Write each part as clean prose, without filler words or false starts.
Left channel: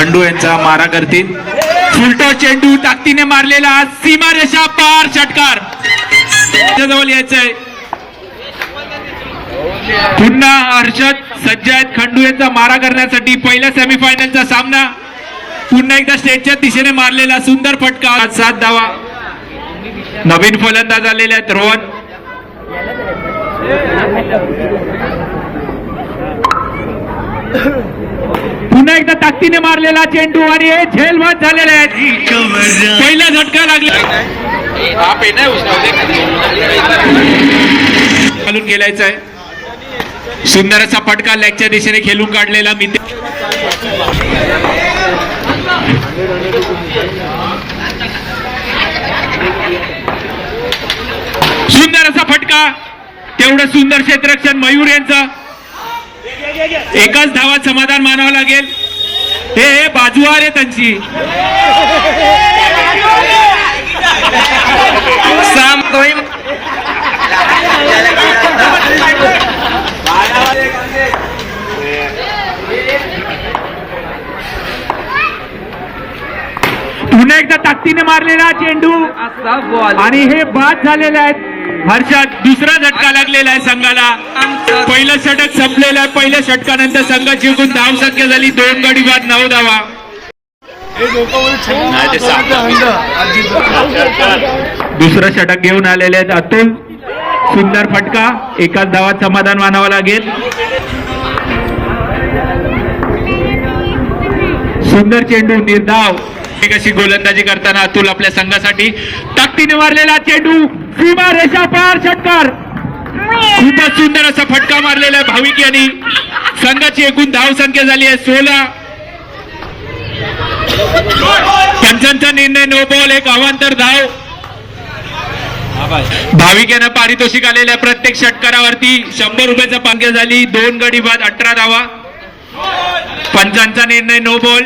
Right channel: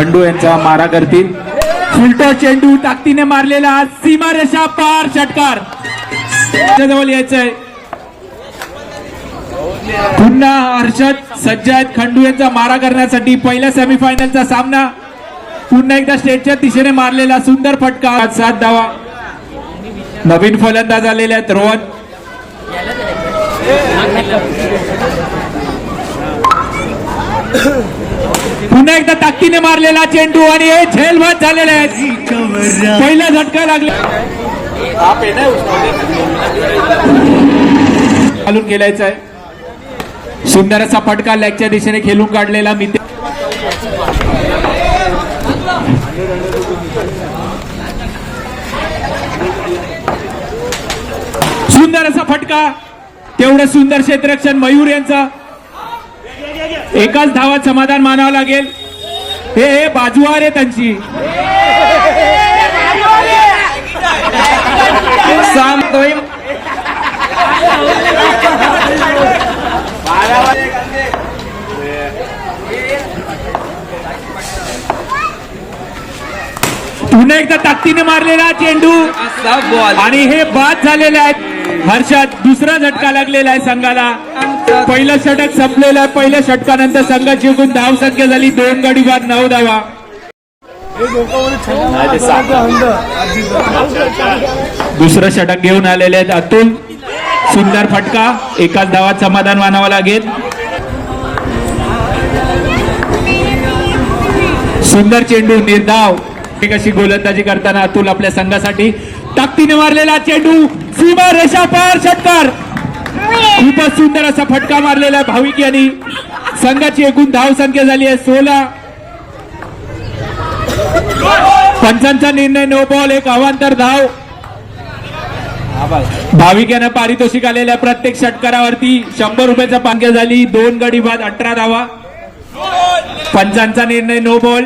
खंडू यांचा मारा करतील। फुलटॉस चेंडू ताकदीने मारलेला सीमारेषा पार षटकार जवळ यायचंय। पुन्हा हर्षद सज्ज आहेत खंडू यांचा मारा करण्यासाठी। पहिल्या सेमीफायनलचा सामना पुन्हा एकदा स्टेजच्या दिशेने मारलेला सुंदर फटका 7 धावा। नवीन फलंदाज आलेले आहेत रोहन। पुन्हा एकदा ताकदीने मारलेला चेंडू आणि हे झेलवत झालेले आहेत। पहिला झटका लागला घालून गेलायचा आहे। सुंदर असा फटका लेगच्या दिशेने खेळून काढलेला मी सुंदर असा फटका। तेवढं सुंदर क्षेत्ररक्षण मयूर यांचं। एकाच धावात समाधान मानावं लागेल। हे बाजूवार आहे त्यांची। पुन्हा एकदा ताकदीने मारलेला चेंडू आणि हे बाद झालेले आहेत। हर्षद दुसरा झटका लागलेला आहे संघाला। पहिलं षटक संपलेलं आहे। पहिल्या षटकानंतर संघाची एकूण धाव संख्या झाली 2 गडी बाद 9 धावा। दुसरं षटक घेऊन आलेले आहेत अतुल। सुंदर फटका एकाच धावात समाधान मानावं लागेल। सुंदर चेंडू निर्धाव कशी गोलंदाजी करताना अतुल आपल्या संघासाठी। ताकदीने मारलेला चेंडू सीमा रेषा पार षटकार। खूपच सुंदर असा फटका मारलेला भाविक यांनी। संघाची एकूण धाव संख्या झाली आहे 16। पंचांचा निर्णय नो बॉल एक अवांतर धाव। भाविक यांना पारितोषिक आलेल्या प्रत्येक षटकारावरती 100 रुपयाचा पांग्या झाली। 2 गडी बाद 18 धावा। पंचांचा निर्णय नो बॉल।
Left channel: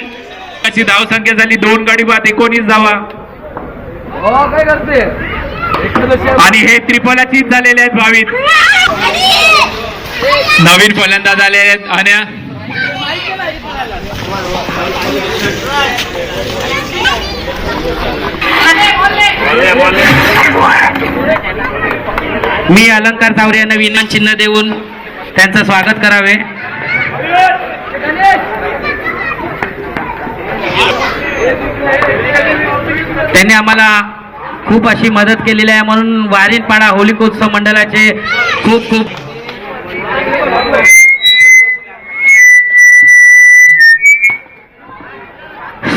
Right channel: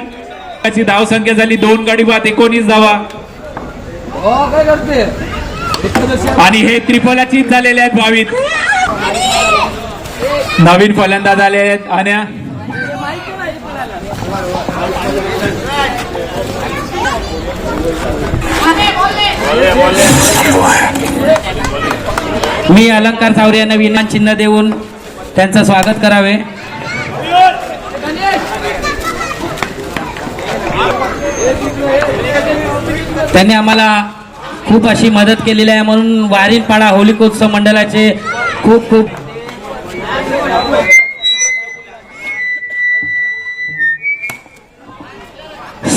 धाव संख्या झाली 2 गडी बाद 19 धावा। आणि हे त्रिफलाची झालेले आहेत भाविक। नवीन फलंदाज आले आहेत आन्या। मी अलंकार सावरे यांना विनंती चिन्ह देऊन त्यांचं स्वागत करावे। त्यांनी आम्हाला खूप अशी मदत केलेली आहे म्हणून वारीनपाडा होलिकोत्सव मंडळाचे खूप खूप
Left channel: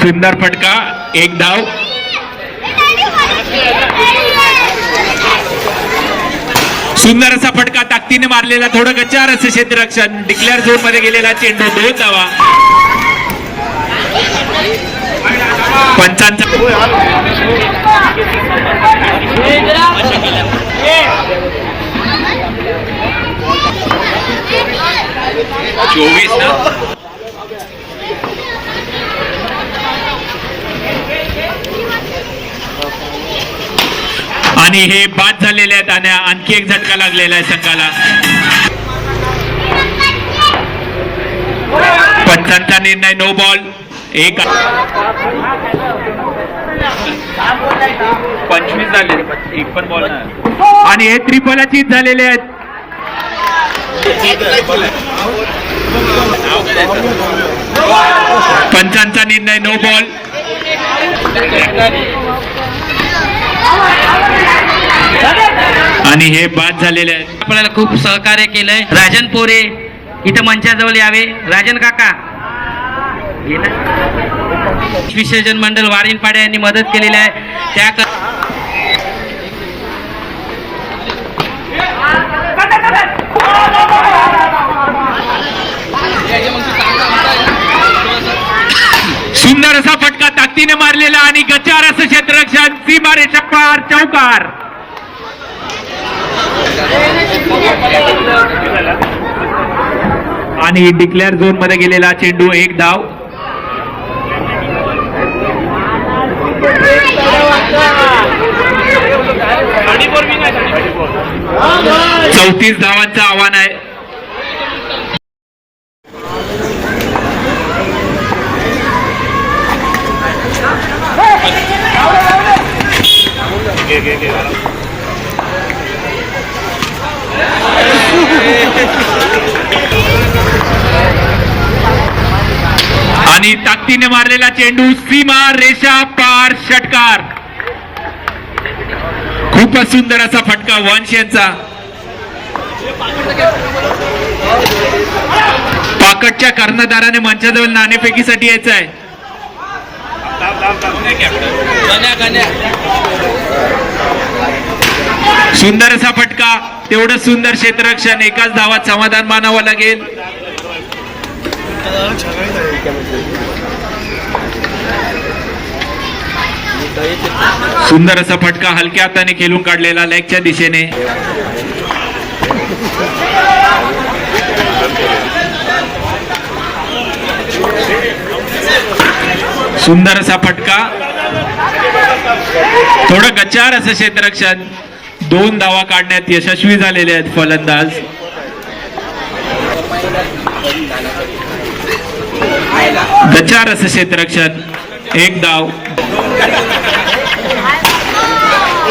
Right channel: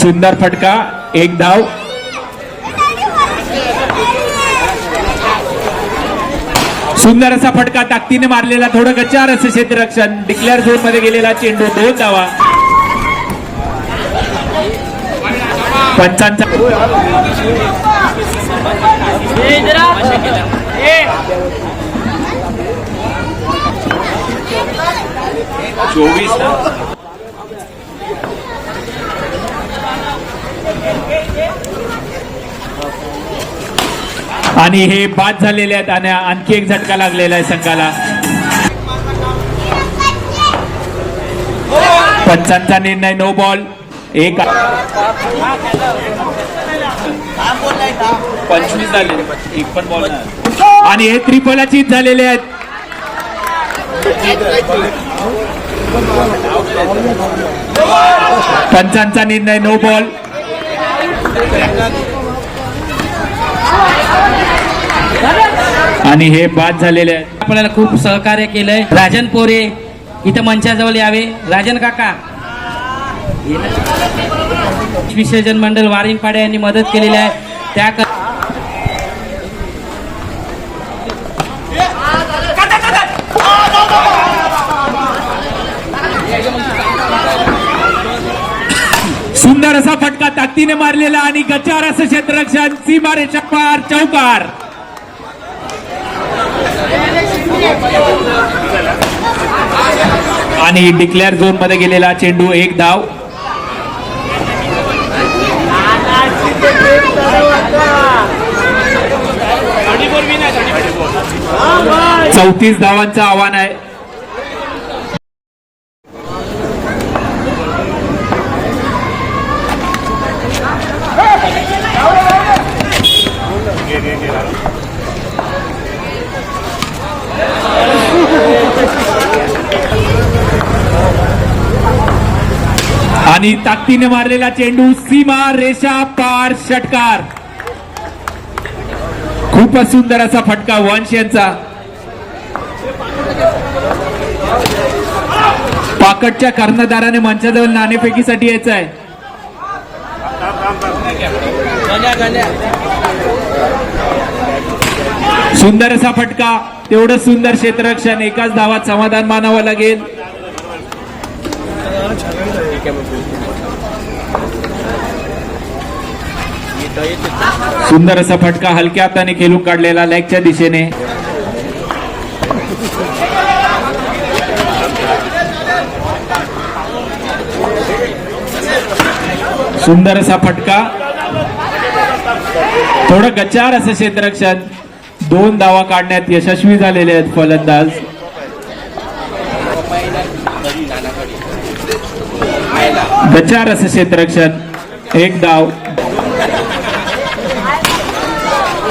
सुंदर फटका एक धाव। सुंदर असा फटका ताकदीने मारलेला थोडं गच्चार असे क्षेत्ररक्षण। डिक्लेअर झोन मध्ये गेलेला चेंडू 2 धावा। पंचांचा 24 ना। आणि हे बाद झालेले आहेत आणि आणखी एक झटका लागलेला आहे संघाला। पंचांचा निर्णय नो बॉल एक 25 झाले एक पण बॉल नाही। आणि हे त्रिफलाची झालेले आहेत। पंचांचा निर्णय नो बॉल। आणि हे बाद झालेले आहेत। आपल्याला खूप सहकार्य केलंय राजन पोरे इथं मंचाजवळ यावे। राजन काका विसर्जन मंडळ वारीनपाडा यांनी मदत केलेली आहे त्या सुंदर असा फटका ताकदीने मारलेला आणि गच्चार असं क्षेत्ररक्षण सीमारेषा पार चौकार। आणि डिक्लेअर झोन मध्ये गेलेला चेंडू एक धाव। 34 धावांचं आव्हान आहे। आणि ताकदीने मारलेला चेंडू सीमा रेषा पार षटकार. खूपच सुंदर असा फटका वंश यांचा. पाकटच्या कर्णधाराने मंचाजवळ नाणेफेकीसाठी यायचं आहे. सुंदर असा फटका, तेवढं सुंदर क्षेत्ररक्षण, एकाच धावात समाधान मानावं लागेल. सुंदर असा फटका हलक्या हाताने खेळून काढलेला लेगच्या दिशेने. सुंदर असा फटका, थोडं गच्चार असं क्षेत्ररक्षण. 2 धावा काढण्यात यशस्वी झालेले आहेत फलंदाज. गच्चार असं क्षेत्ररक्षण, 1 धाव.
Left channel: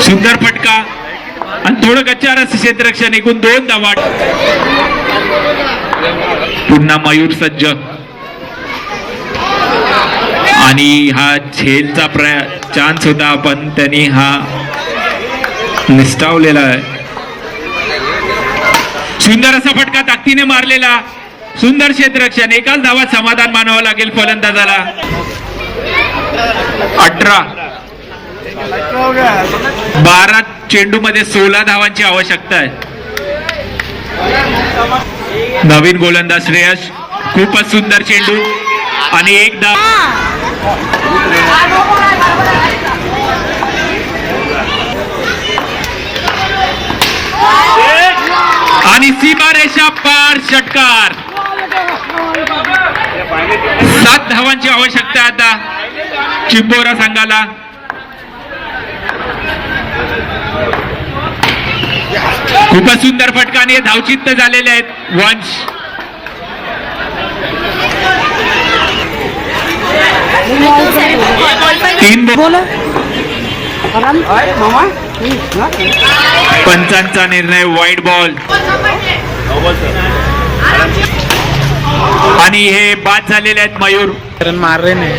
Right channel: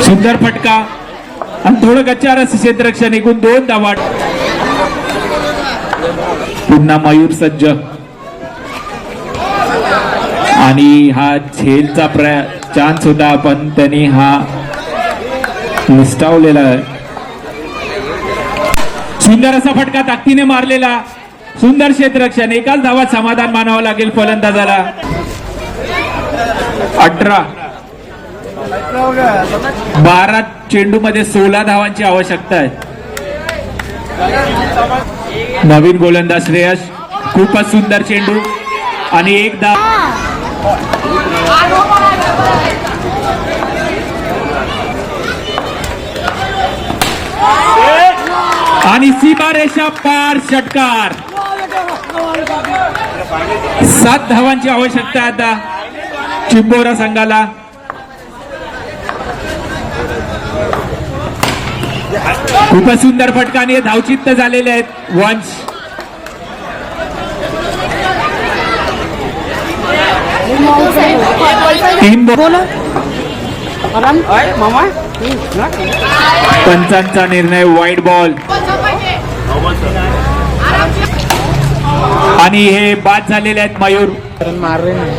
सुंदर फटका आणि थोडं गच्चार असं क्षेत्ररक्षण, एकूण 2 धावा. पुन्हा मयूर सज्ज आणि हा झेलचा चान्स होता, पण त्यांनी हा निष्ठावलेला आहे. सुंदर असा फटका ताकदीने मारलेला, सुंदर क्षेत्ररक्षण, एकाच धावात समाधान मानावं लागेल फलंदाजाला. 18 12 चेंडू मध्ये 16 धावांची आवश्यकता आहे. नवीन गोलंदाज श्रेयस, खूपच सुंदर चेंडू आणि 1 धाव. आणि सीमारेषा पार षटकार. 7 धावांची आवश्यकता आता चिंबोरा संघाला. खूपच सुंदर फटका आणि धावचित्त झालेले आहेत वंश. पंचांचा निर्णय वाईट बॉल आणि हे बाद झालेले आहेत मयूर. मारले नाही,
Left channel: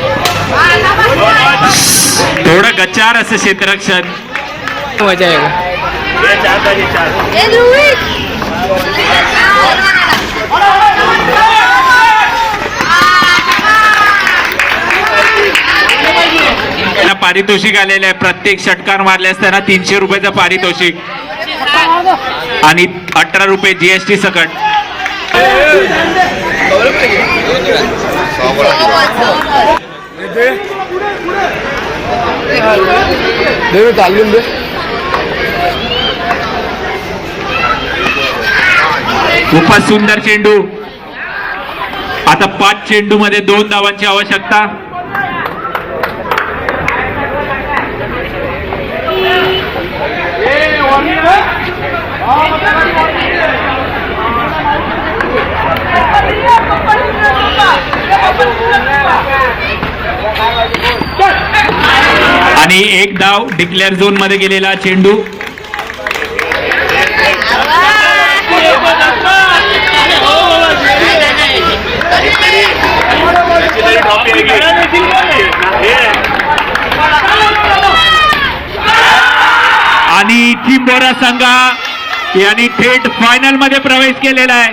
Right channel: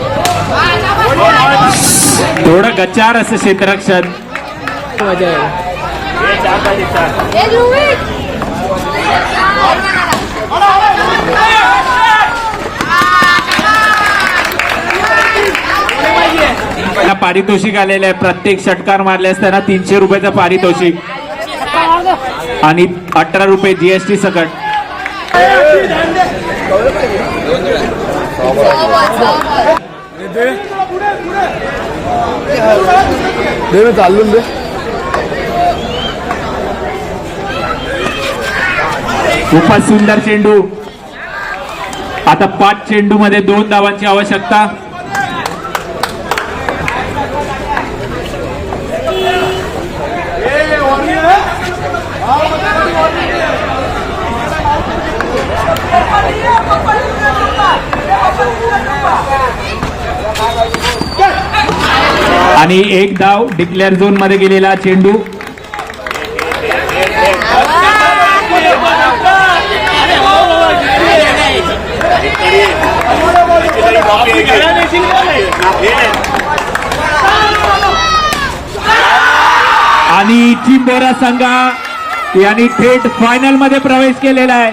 थोडं गच्चार असं क्षेत्ररक्षण. मजा आहे. पारितोषिक आलेलं आहे. प्रत्येक षटकार मारले असताना 300 रुपयाचं पारितोषिक आणि 18 रुपये जीएसटी सकट. खूपच सुंदर चेंडू. आता 5 चेंडू मध्ये 2 धावांची आवश्यकता. आणि 1 धाव. डिक्लेअर झोन मध्ये गेलेला चेंडू. आणि चिंबोरा संघ यांनी थेट फायनल मध्ये प्रवेश केलेला आहे.